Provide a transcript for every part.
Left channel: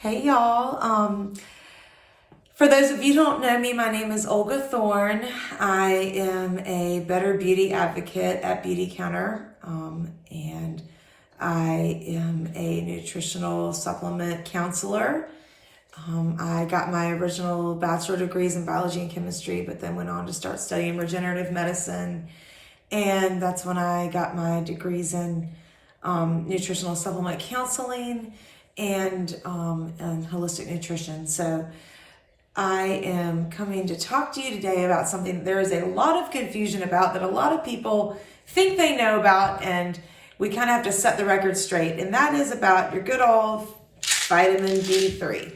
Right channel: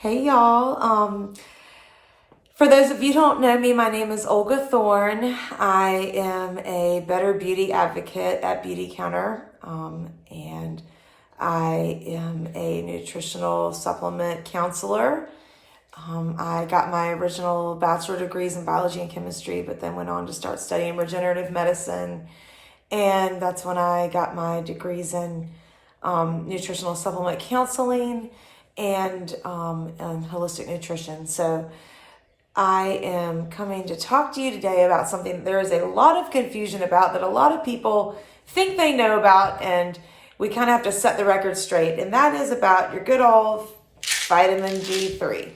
Hey y'all. For those of you who don't know me, my name is Olga Thorne. I am a Better Beauty advocate at Beauty Counter, and I am a nutritional supplement counselor. I got my original bachelor degrees in biology and chemistry, but then went on to start studying regenerative medicine. And that's when I got my degrees in nutritional supplement counseling and holistic nutrition. So I am coming to talk to you today about something there is a lot of confusion about, that a lot of people think they know about, and we kind of have to set the record straight. And that is about your good old vitamin D3.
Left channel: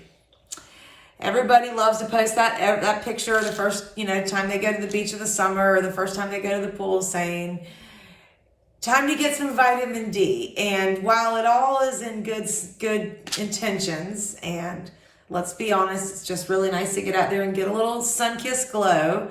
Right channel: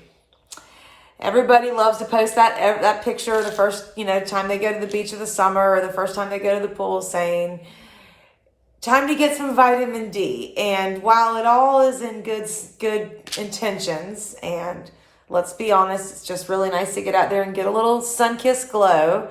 Everybody loves to post that picture the first time they go to the beach in the summer, or the first time they go to the pool, saying, time to get some vitamin D. And while it all is in good intentions, and let's be honest, it's just really nice to get out there and get a little sun-kissed glow,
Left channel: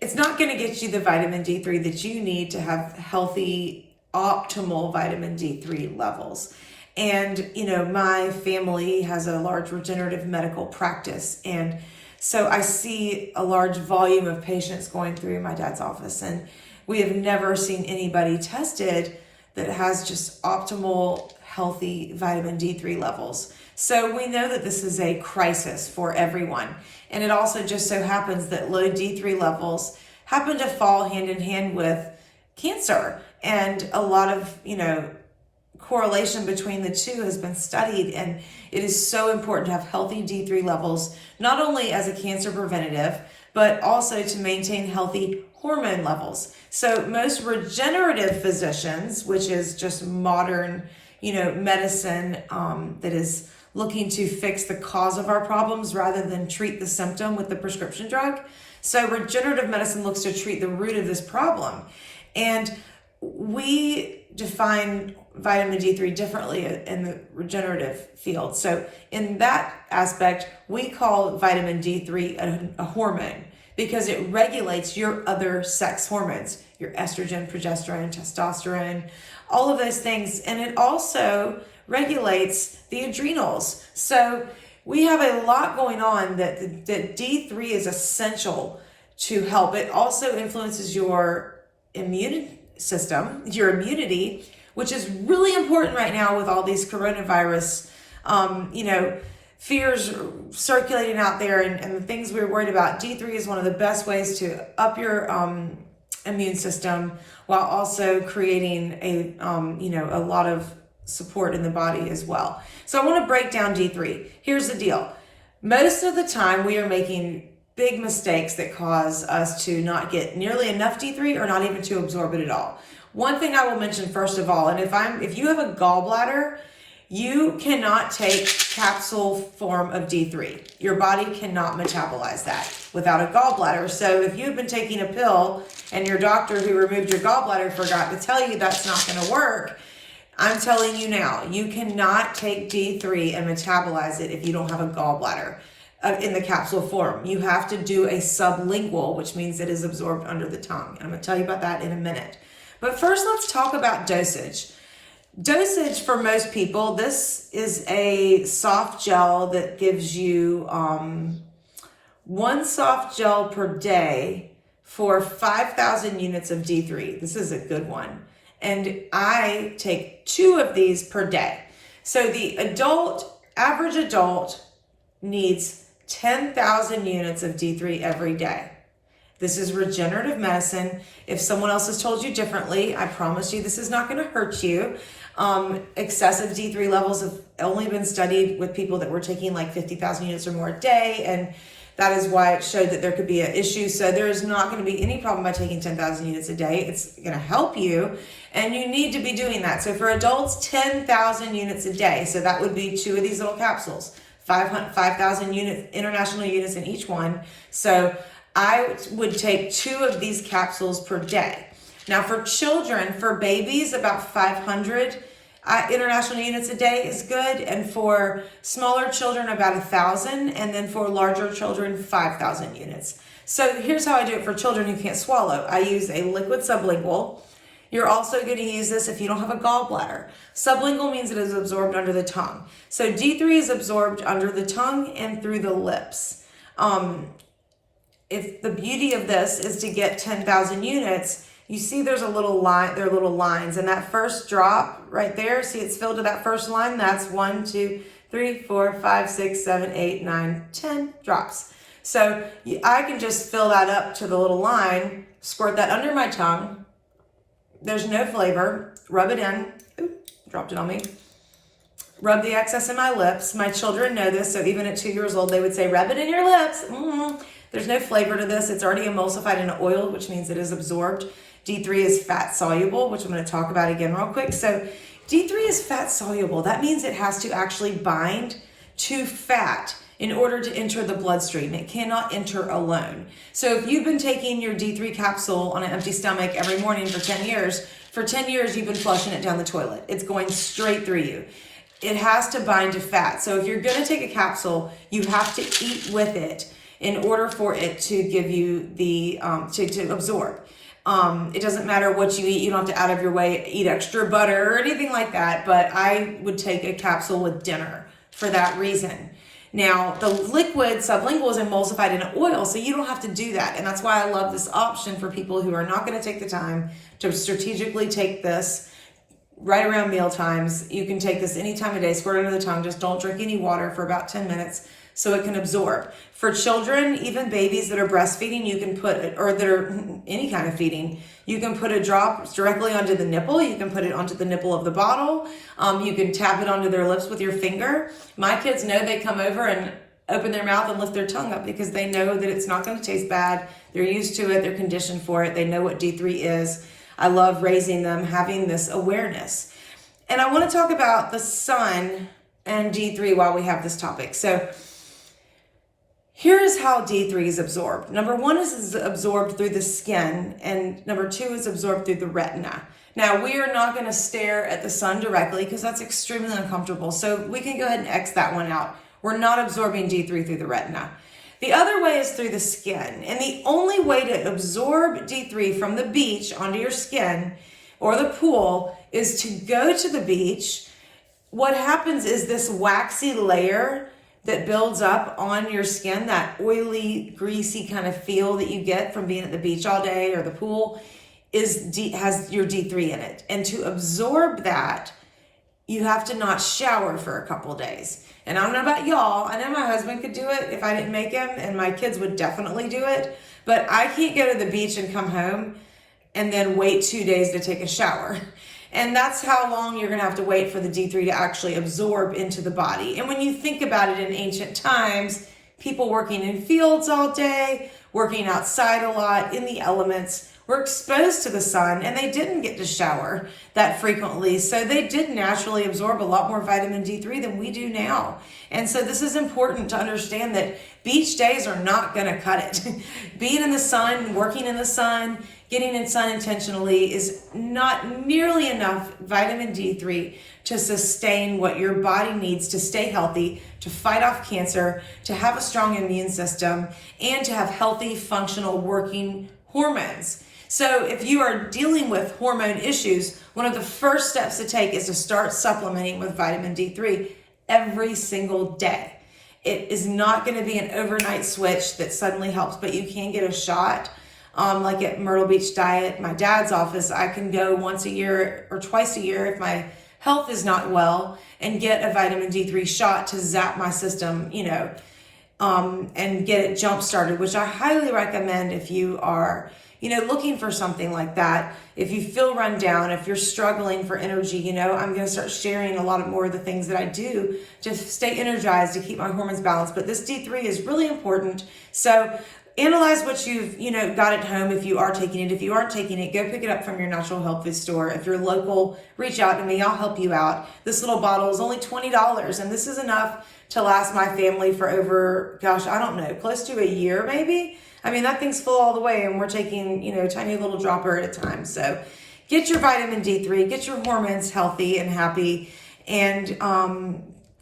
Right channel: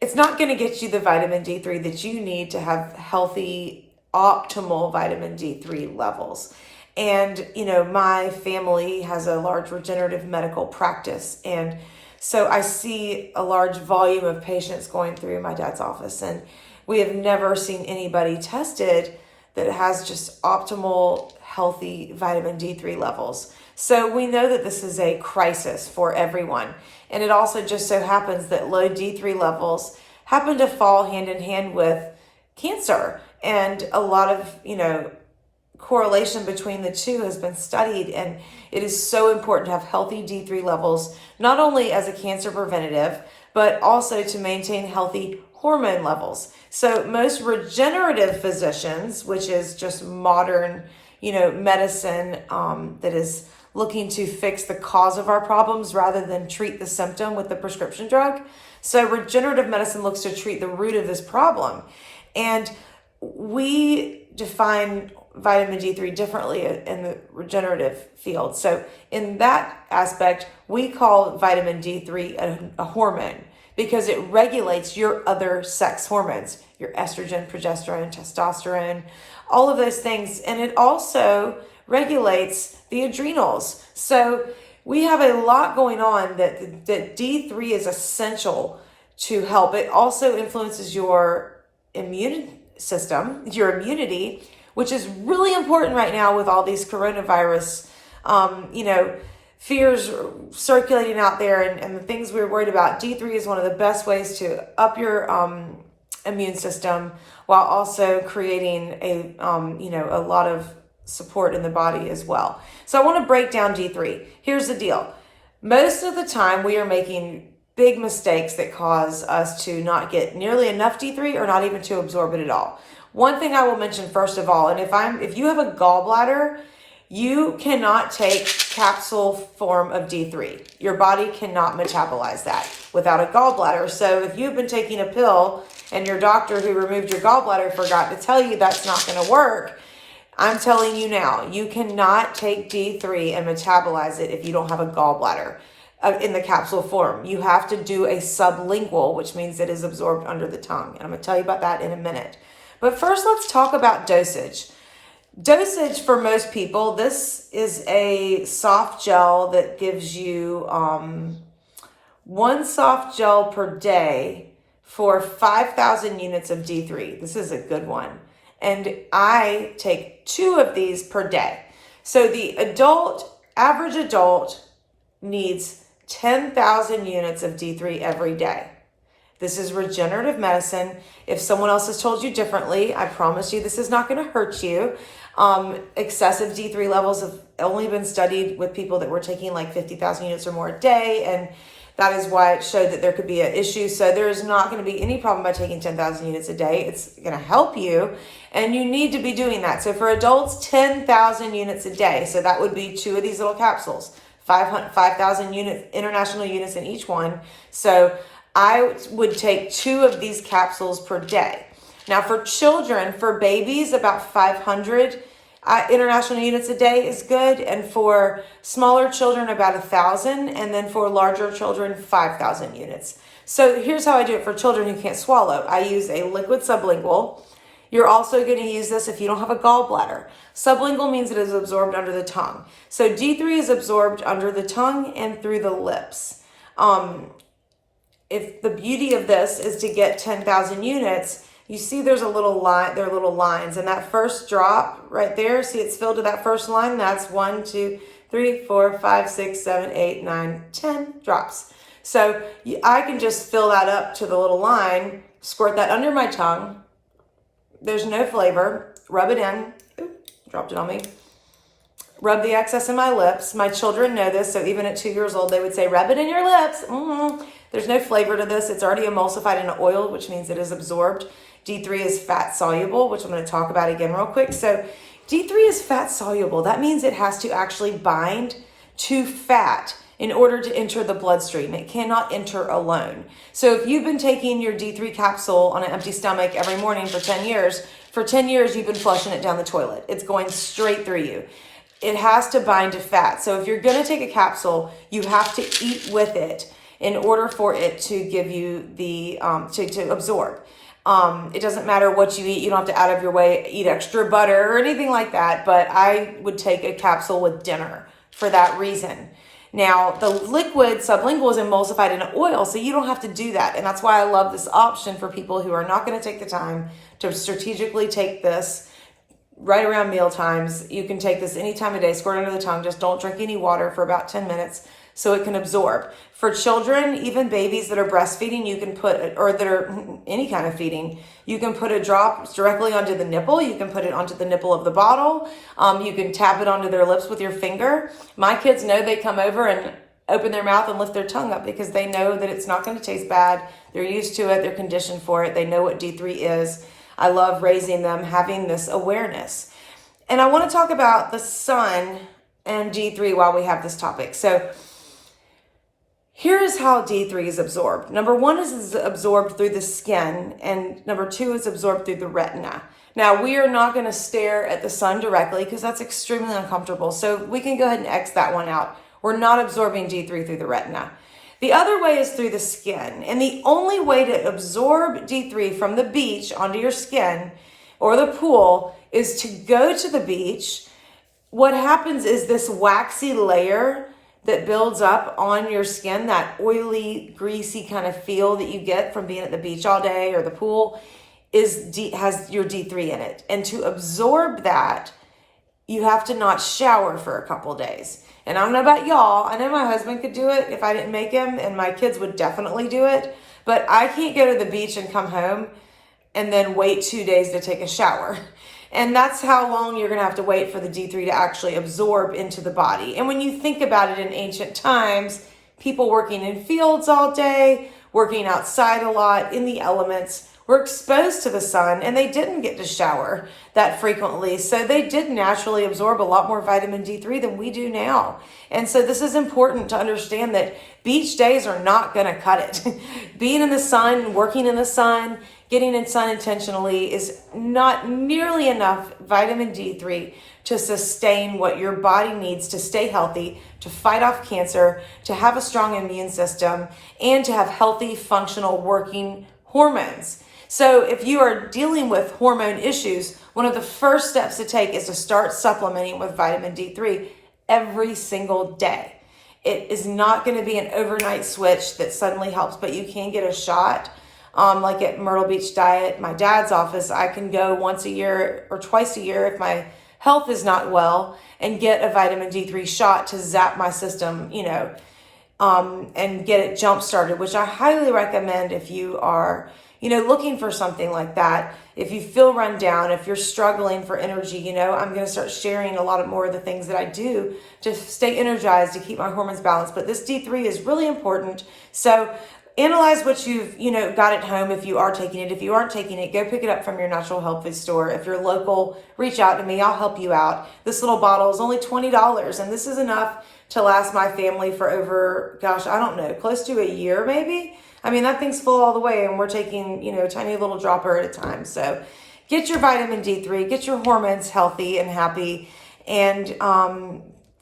it's not going to get you the vitamin D3 that you need to have healthy, optimal vitamin D3 levels. And, my family has a large regenerative medical practice. And so I see a large volume of patients going through my dad's office. And we have never seen anybody tested that has just optimal, healthy vitamin D3 levels. So we know that this is a crisis for everyone. And it also just so happens that low D3 levels happen to fall hand in hand with cancer. And a lot of, correlation between the two has been studied. And it is so important to have healthy D3 levels, not only as a cancer preventative, but also to maintain healthy hormone levels. So most regenerative physicians, which is just modern, medicine that is looking to fix the cause of our problems rather than treat the symptom with the prescription drug. So regenerative medicine looks to treat the root of this problem. And we define vitamin D3 differently in the regenerative field. So in that aspect, we call vitamin D3 a hormone, because it regulates your other sex hormones, your estrogen, progesterone, testosterone, all of those things. And it also regulates the adrenals. So we have a lot going on that D3 is essential to help. It also influences your immune system, your immunity, which is really important right now with all these coronavirus, fears circulating out there and the things we're worried about. D3 is one of the best ways to up your immune system, while also creating a lot of support in the body as well. So I want to break down D3. Here's the deal. Most of the time we are making big mistakes that cause us to not get nearly enough D3 or not even to absorb it at all. One thing I will mention first of all, and if you have a gallbladder, you cannot take capsule form of D3. Your body cannot metabolize that without a gallbladder. So if you've been taking a pill and your doctor who removed your gallbladder forgot to tell you that's not going to work, I'm telling you now, you cannot take D3 and metabolize it if you don't have a gallbladder in the capsule form. You have to do a sublingual, which means it is absorbed under the tongue. And I'm going to tell you about that in a minute. But first, let's talk about dosage. Dosage for most people, this is a soft gel that gives you one soft gel per day for 5,000 units of D3. This is a good one. And I take 2 of these per day. So the average adult needs 10,000 units of D3 every day. This is regenerative medicine. If someone else has told you differently, I promise you this is not going to hurt you. Excessive D3 levels have only been studied with people that were taking like 50,000 units or more a day, and that is why it showed that there could be an issue. So there's not going to be any problem by taking 10,000 units a day. It's going to help you, and you need to be doing that. So for adults, 10,000 units a day. So that would be 2 of these little capsules, 5,000 units, international units in each one. So I would take 2 of these capsules per day. Now for children, for babies, about 500 international units a day is good. And for smaller children, about 1,000. And then for larger children, 5,000 units. So here's how I do it for children who can't swallow. I use a liquid sublingual. You're also going to use this if you don't have a gallbladder. Sublingual means it is absorbed under the tongue. So D3 is absorbed under the tongue and through the lips. If the beauty of this is to get 10,000 units, you see there's a little line, there are little lines, and that first drop right there, see it's filled to that first line, that's 1, 2, 3, 4, 5, 6, 7, 8, 9, 10 drops. So I can just fill that up to the little line, squirt that under my tongue. There's no flavor. Rub it in. Ooh, dropped it on me. Rub the excess in my lips. My children know this, so even at 2 years old, they would say, rub it in your lips. There's no flavor to this. It's already emulsified in oil, which means it is absorbed. D3 is fat soluble, which I'm going to talk about again real quick. So D3 is fat soluble. That means it has to actually bind to fat in order to enter the bloodstream. It cannot enter alone. So if you've been taking your D3 capsule on an empty stomach every morning for 10 years, you've been flushing it down the toilet. It's going straight through you. It has to bind to fat. So if you're going to take a capsule, you have to eat with it in order for it to give you the, to absorb. It doesn't matter what you eat. You don't have to out of your way eat extra butter or anything like that. But I would take a capsule with dinner for that reason. Now, the liquid sublingual is emulsified in oil, so you don't have to do that. And that's why I love this option for people who are not going to take the time to strategically take this right around meal times. You can take this any time of day, squirt under the tongue. Just don't drink any water for about 10 minutes so it can absorb. For children, even babies that are breastfeeding, you can put, or that are any kind of feeding, you can put a drop directly onto the nipple. You can put it onto the nipple of the bottle. You can tap it onto their lips with your finger. My kids know they come over and open their mouth and lift their tongue up because they know that it's not going to taste bad. They're used to it. They're conditioned for it. They know what D3 is. I love raising them, having this awareness. And I want to talk about the sun and D3 while we have this topic. So here's how D3 is absorbed. Number one is absorbed through the skin, and number two is absorbed through the retina. Now, we are not going to stare at the sun directly because that's extremely uncomfortable. So we can go ahead and X that one out. We're not absorbing D3 through the retina. The other way is through the skin. And the only way to absorb D3 from the beach onto your skin or the pool is to go to the beach. What happens is this waxy layer that builds up on your skin, that oily, greasy kind of feel that you get from being at the beach all day or the pool, has your D3 in it. And to absorb that, you have to not shower for a couple days. And I don't know about y'all. I know my husband could do it if I didn't make him, and my kids would definitely do it. But I can't go to the beach and come home and then wait 2 days to take a shower. And that's how long you're going to have to wait for the D3 to actually absorb into the body. And when you think about it, in ancient times, people working in fields all day, working outside a lot in the elements, were exposed to the sun, and they didn't get to shower that frequently. So they did naturally absorb a lot more vitamin D3 than we do now. And so this is important to understand that beach days are not going to cut it. Being in the sun, working in the sun, getting in sun intentionally is not nearly enough vitamin D3 to sustain what your body needs to stay healthy, to fight off cancer, to have a strong immune system, and to have healthy, functional, working hormones. So if you are dealing with hormone issues, one of the first steps to take is to start supplementing with vitamin D3 every single day. It is not going to be an overnight switch that suddenly helps, but you can get a shot. Like at Myrtle Beach Diet, my dad's office, I can go once a year or twice a year if my health is not well and get a vitamin D3 shot to zap my system, and get it jump started, which I highly recommend if you are looking for something like that. If you feel run down, if you're struggling for energy, I'm going to start sharing a lot of more of the things that I do to stay energized, to keep my hormones balanced. But this D3 is really important. So analyze what you've, got at home if you are taking it. If you aren't taking it, go pick it up from your natural health food store. If you're local, reach out to me. I'll help you out. This little bottle is only $20, and this is enough to last my family for over, close to a year maybe. I mean, that thing's full all the way, and we're taking, tiny little dropper at a time. So get your vitamin D3, get your hormones healthy and happy, and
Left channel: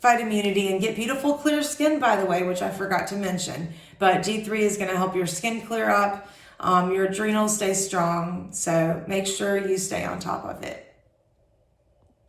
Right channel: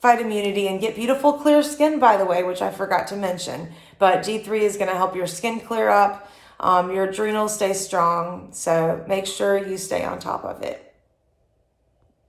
fight immunity, and get beautiful, clear skin, by the way, which I forgot to mention. But D3 is going to help your skin clear up. your adrenals stay strong. So make sure you stay on top of it.